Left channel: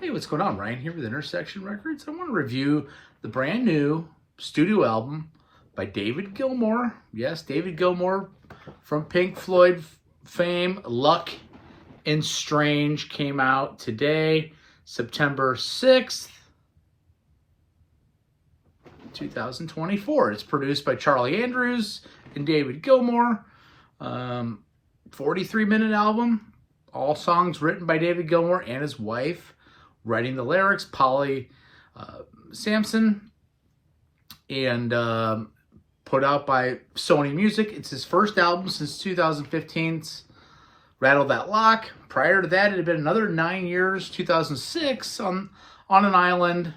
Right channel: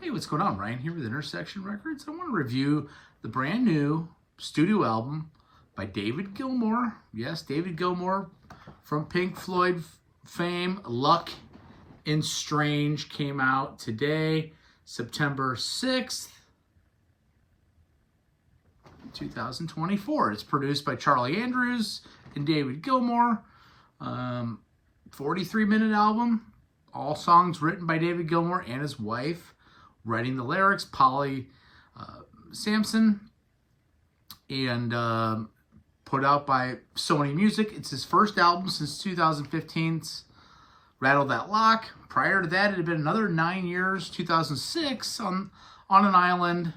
Hey, what's going on? Ryan here with Intersection Records. I want to review the brand new studio album by David Gilmour. Yes, David Gilmour from Pink Floyd fame. Luck and Strange came out today, September 6th, 2024. It's produced by Charlie Andrews and David Gilmour. 43-minute album. All songs written by David Gilmour and his wife. Writing the lyrics, Polly Sampson, and put out by Sony Music. It's his first album since 2015's Rattle That Lock. Prior to that, it had been another 9 years, 2006, on an island.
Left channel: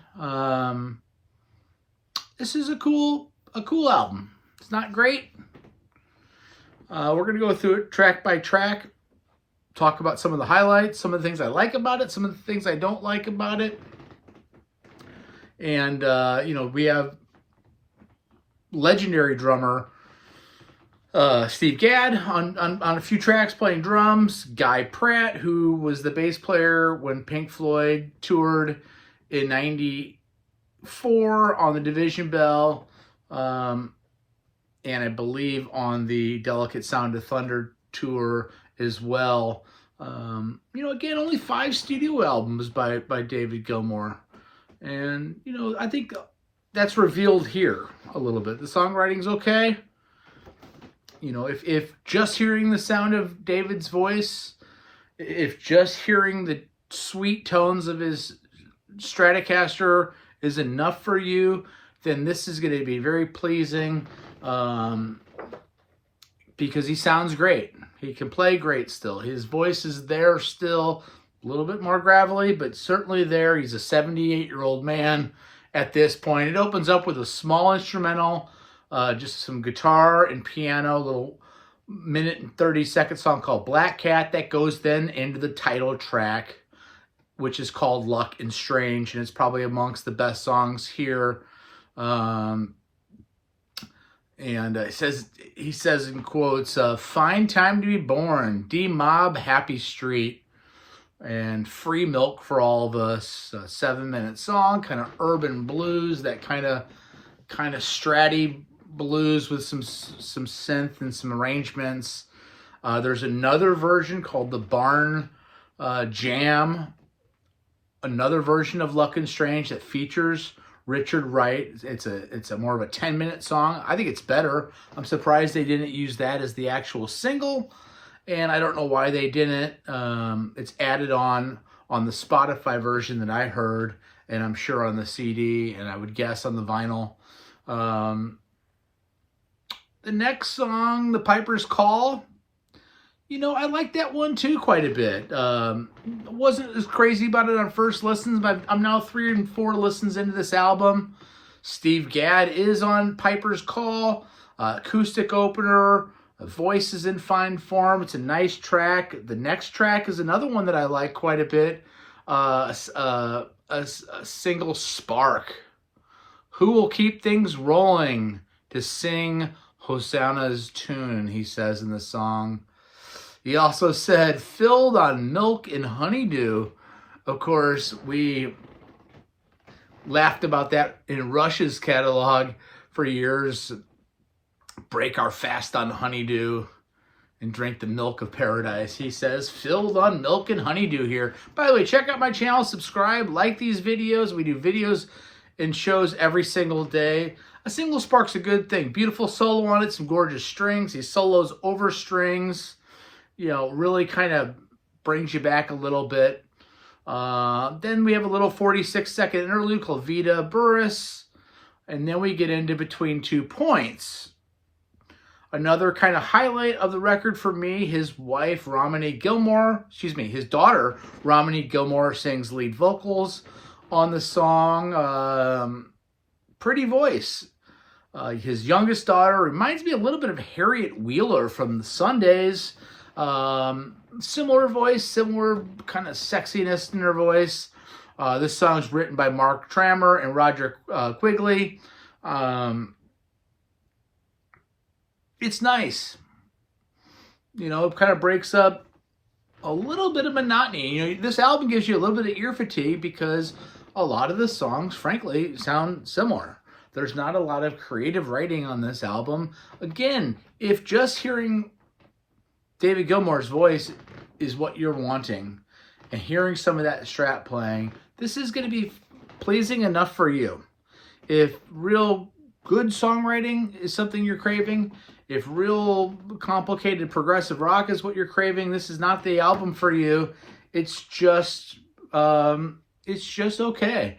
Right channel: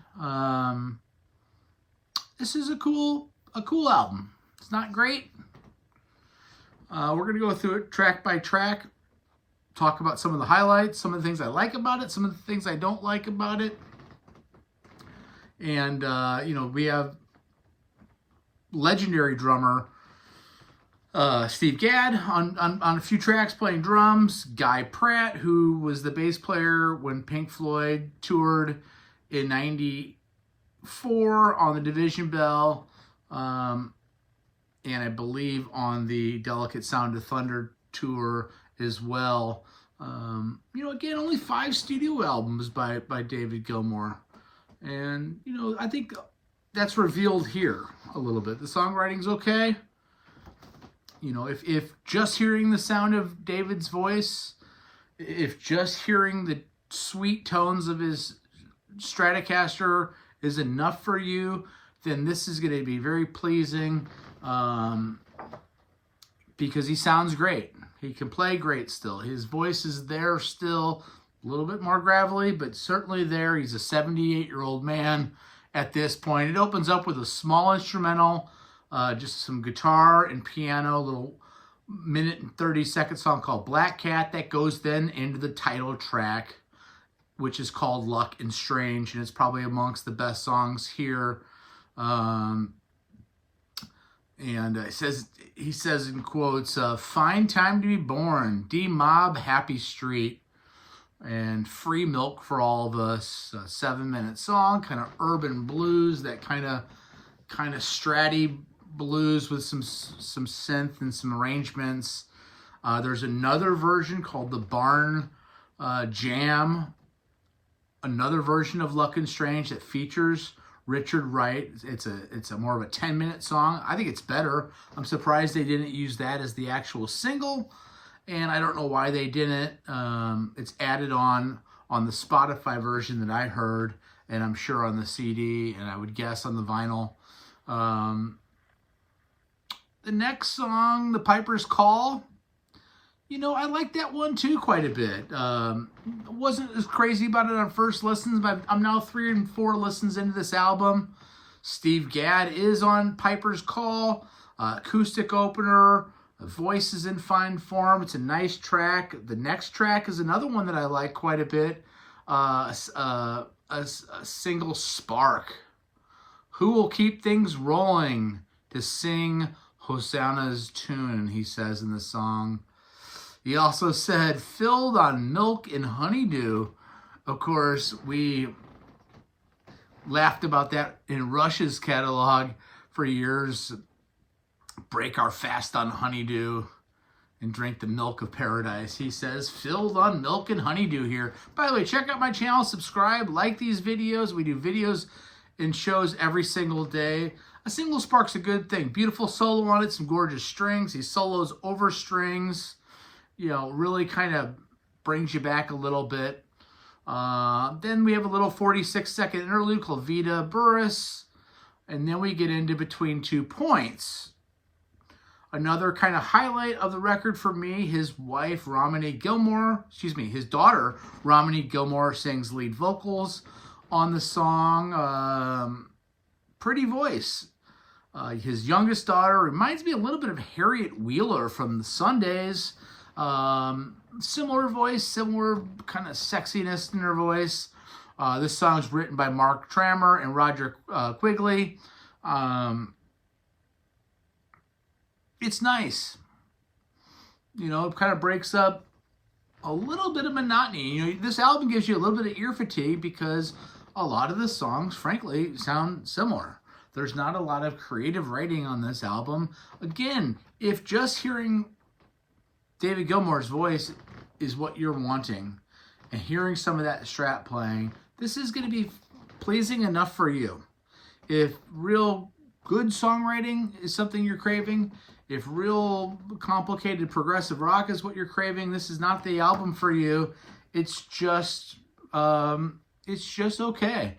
This is a cool album. It's not great. We're going to go through it track by track. Talk about some of the highlights, some of the things I like about it, some of the things I don't like about it. And, we have legendary drummer Steve Gadd on a few tracks playing drums. Guy Pratt, who was the bass player when Pink Floyd toured in '94 on the Division Bell. And I believe on the Delicate Sound of Thunder tour as well. Again, only 5 studio albums by David Gilmour. And, I think that's revealed here a little bit. The songwriting's okay. If just hearing the sound of David's voice, if just hearing the sweet tones of his Stratocaster is enough for you, then this is going to be very pleasing. Because he sounds great. He can play great still. His voice is there still, a little bit more gravelly, but certainly there. He's a 78-year-old man at this point. It opens up with a small instrumental, just some guitar and piano, a little minute and 30-second song called Black Cat that goes then into the title track, which is called Luck and Strange, and it's probably amongst the best songs here. And he says in quotes, fine time to be born, D-Mob, Happy Street, and Free Milk for All of Us. 7-minute song, kind of urban blues, that kind of stratty blues with some synth and some arrangements. There's another version called the Barn Jam, another version of Luck and Strange that features Richard Wright. It's a more of a 10-minute song. I think it's better. I'm surprised they didn't use that as the actual single, and I don't know why they didn't. It's added on the Spotify version that I heard, and I'm sure on the CD, and I would guess on the vinyl. The next song, The Piper's Call, I like that one too quite a bit. Wasn't as crazy about it on first listens, but I'm now 3 and 4 listens into this album. Steve Gadd is on Piper's Call, acoustic opener, voice is in fine form. It's a nice track. The next track is another one that I like quite a bit. A single, Spark. Who will keep things rolling to sing Hosanna's tune, he says in the song. He also said, filled on milk and honeydew. Of course, we laughed about that in Rush's catalog for years. Break our fast on honeydew and drink the milk of paradise. He says, filled on milk and honeydew here. By the way, check out my channel, subscribe, like these videos. We do videos and shows every single day. A single Spark's a good thing. Beautiful solo on it, some gorgeous strings. He solos over strings. Really kind of brings you back a little bit. Then we have a little 46-second interlude called Vita Burris. And then we get into Between 2 Points. Another kind of highlight of the record for me, his wife, his daughter, Romany Gilmour, sings lead vocals on the song. Pretty voice. His youngest daughter reminds me a little bit of Harriet Wheeler from the Sundays. Similar voice, similar kind of sexiness in her voice. This song's written by Mark Trammer and Roger Quigley. It's nice. It kind of breaks up a little bit of monotony. You know, this album gives you a little bit of ear fatigue because a lot of the songs, frankly, sound similar. There's not a lot of creative writing on this album. Again, if just hearing David Gilmour's voice is what you're wanting, and hearing some of that Strat playing, this is going to be pleasing enough for you. If real good songwriting is something you're craving, if real complicated progressive rock is what you're craving, this is not the album for you. It's just okay.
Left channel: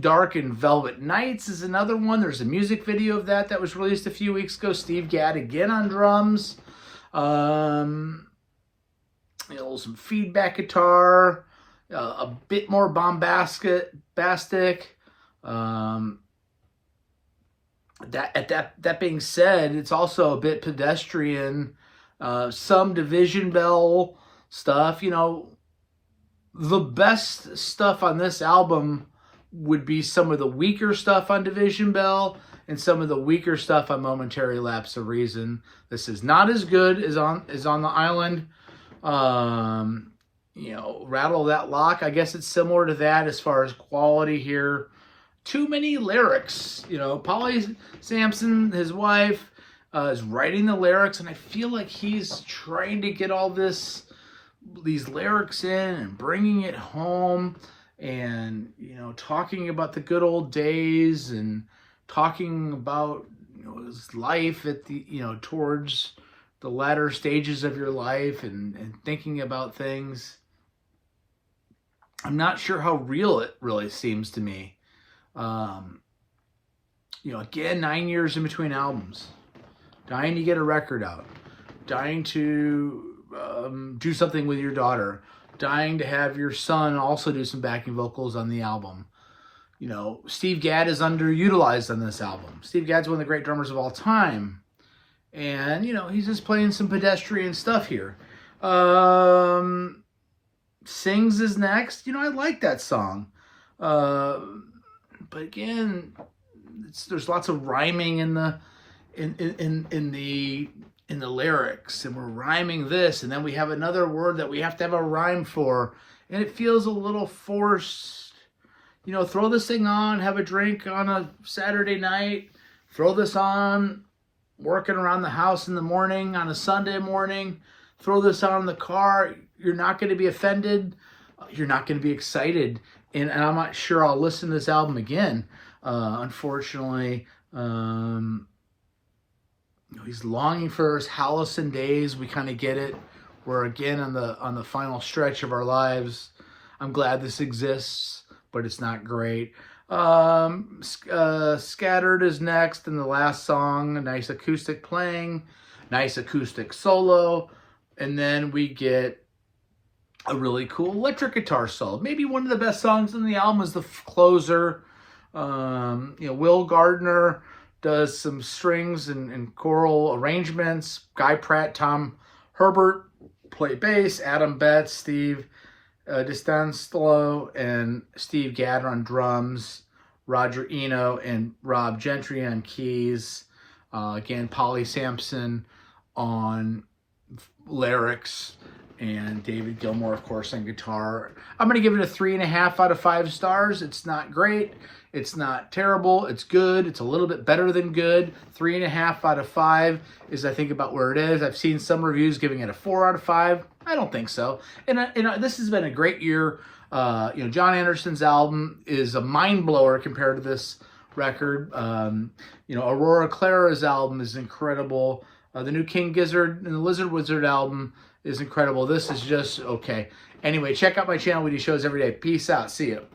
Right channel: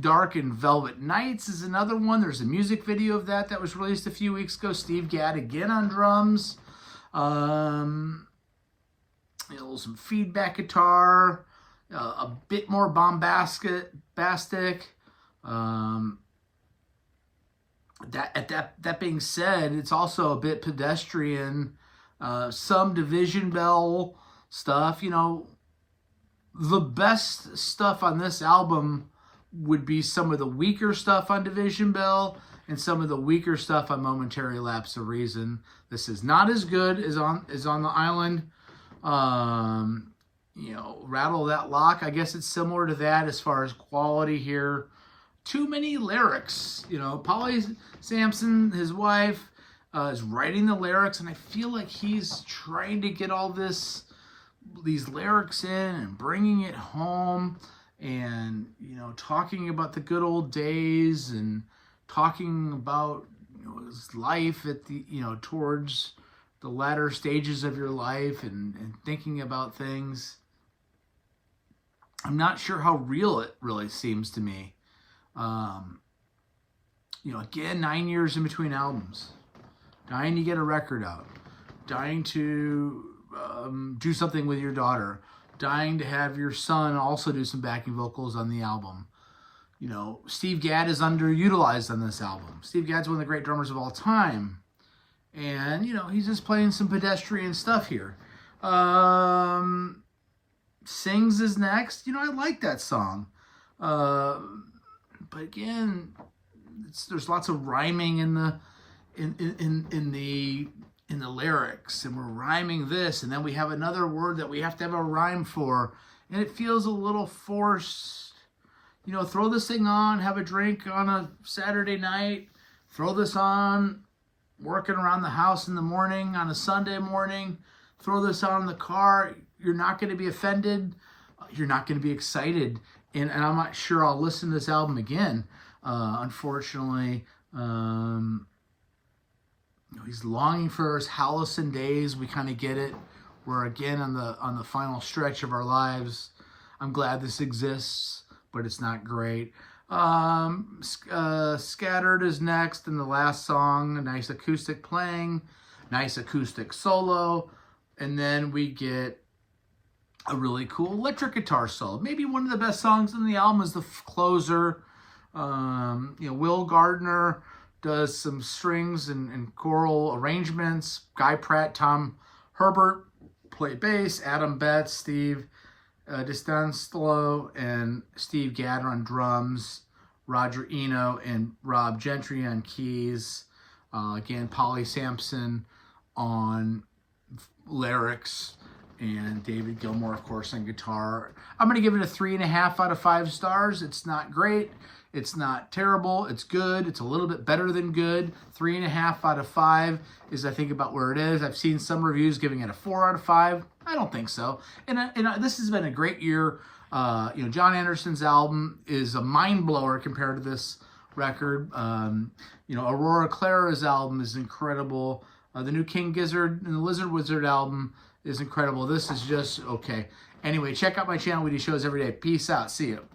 Dark and Velvet Nights is another one. There's a music video of that was released a few weeks ago. Steve Gadd again on drums. Some feedback guitar, a bit more bombastic. That being said, it's also a bit pedestrian. Some Division Bell stuff. You know, the best stuff on this album would be some of the weaker stuff on Division Bell and some of the weaker stuff on Momentary Lapse of Reason. This is not as good as on the Island. You know, Rattle That Lock, I guess it's similar to that as far as quality here. Too many lyrics. You know, Polly Sampson, his wife, is writing the lyrics, and I feel like he's trying to get all these lyrics in and bringing it home, and, you know, talking about the good old days and talking about, you know, his life at the, you know, towards the latter stages of your life, and thinking about things. I'm not sure how real it really seems to me. You know, again, 9 years in between albums. Dying to get a record out. Dying to do something with your daughter. Dying to have your son also do some backing vocals on the album. You know, Steve Gadd is underutilized on this album. Steve Gadd's one of the great drummers of all time. And, you know, he's just playing some pedestrian stuff here. Sings is next. You know, I like that song. But again, there's lots of rhyming in the lyrics, and we're rhyming this, and then we have another word that we have to have a rhyme for, and it feels a little forced. You know, throw this thing on, have a drink on a Saturday night, throw this on, working around the house in the morning on a Sunday morning, throw this on in the car. You're not going to be offended. You're not going to be excited. And I'm not sure I'll listen to this album again. Unfortunately, he's longing for his Halloween days. We kind of get it. We're again on the final stretch of our lives. I'm glad this exists, but it's not great. Scattered is next, and the last song, a nice acoustic playing, nice acoustic solo, and then we get a really cool electric guitar solo. Maybe one of the best songs on the album is the closer. You know, Will Gardner does some strings and choral arrangements. Guy Pratt, Tom Herbert play bass. Adam Betts, Steve Distanslo, and Steve Gadd on drums. Roger Eno and Rob Gentry on keys. Again, Polly Sampson on lyrics, and David Gilmour, of course, on guitar. I'm going to give it a 3.5 out of 5 stars. It's not great. It's not terrible. It's good. It's a little bit better than good. 3.5 out of 5 is, I think, about where it is. I've seen some reviews giving it a 4 out of 5. I don't think so. And this has been a great year. You know, John Anderson's album is a mind blower compared to this record. You know, Aurora Clara's album is incredible. The new King Gizzard and the Lizard Wizard album is incredible. This is just okay. Anyway, check out my channel. We do shows every day. Peace out. See you.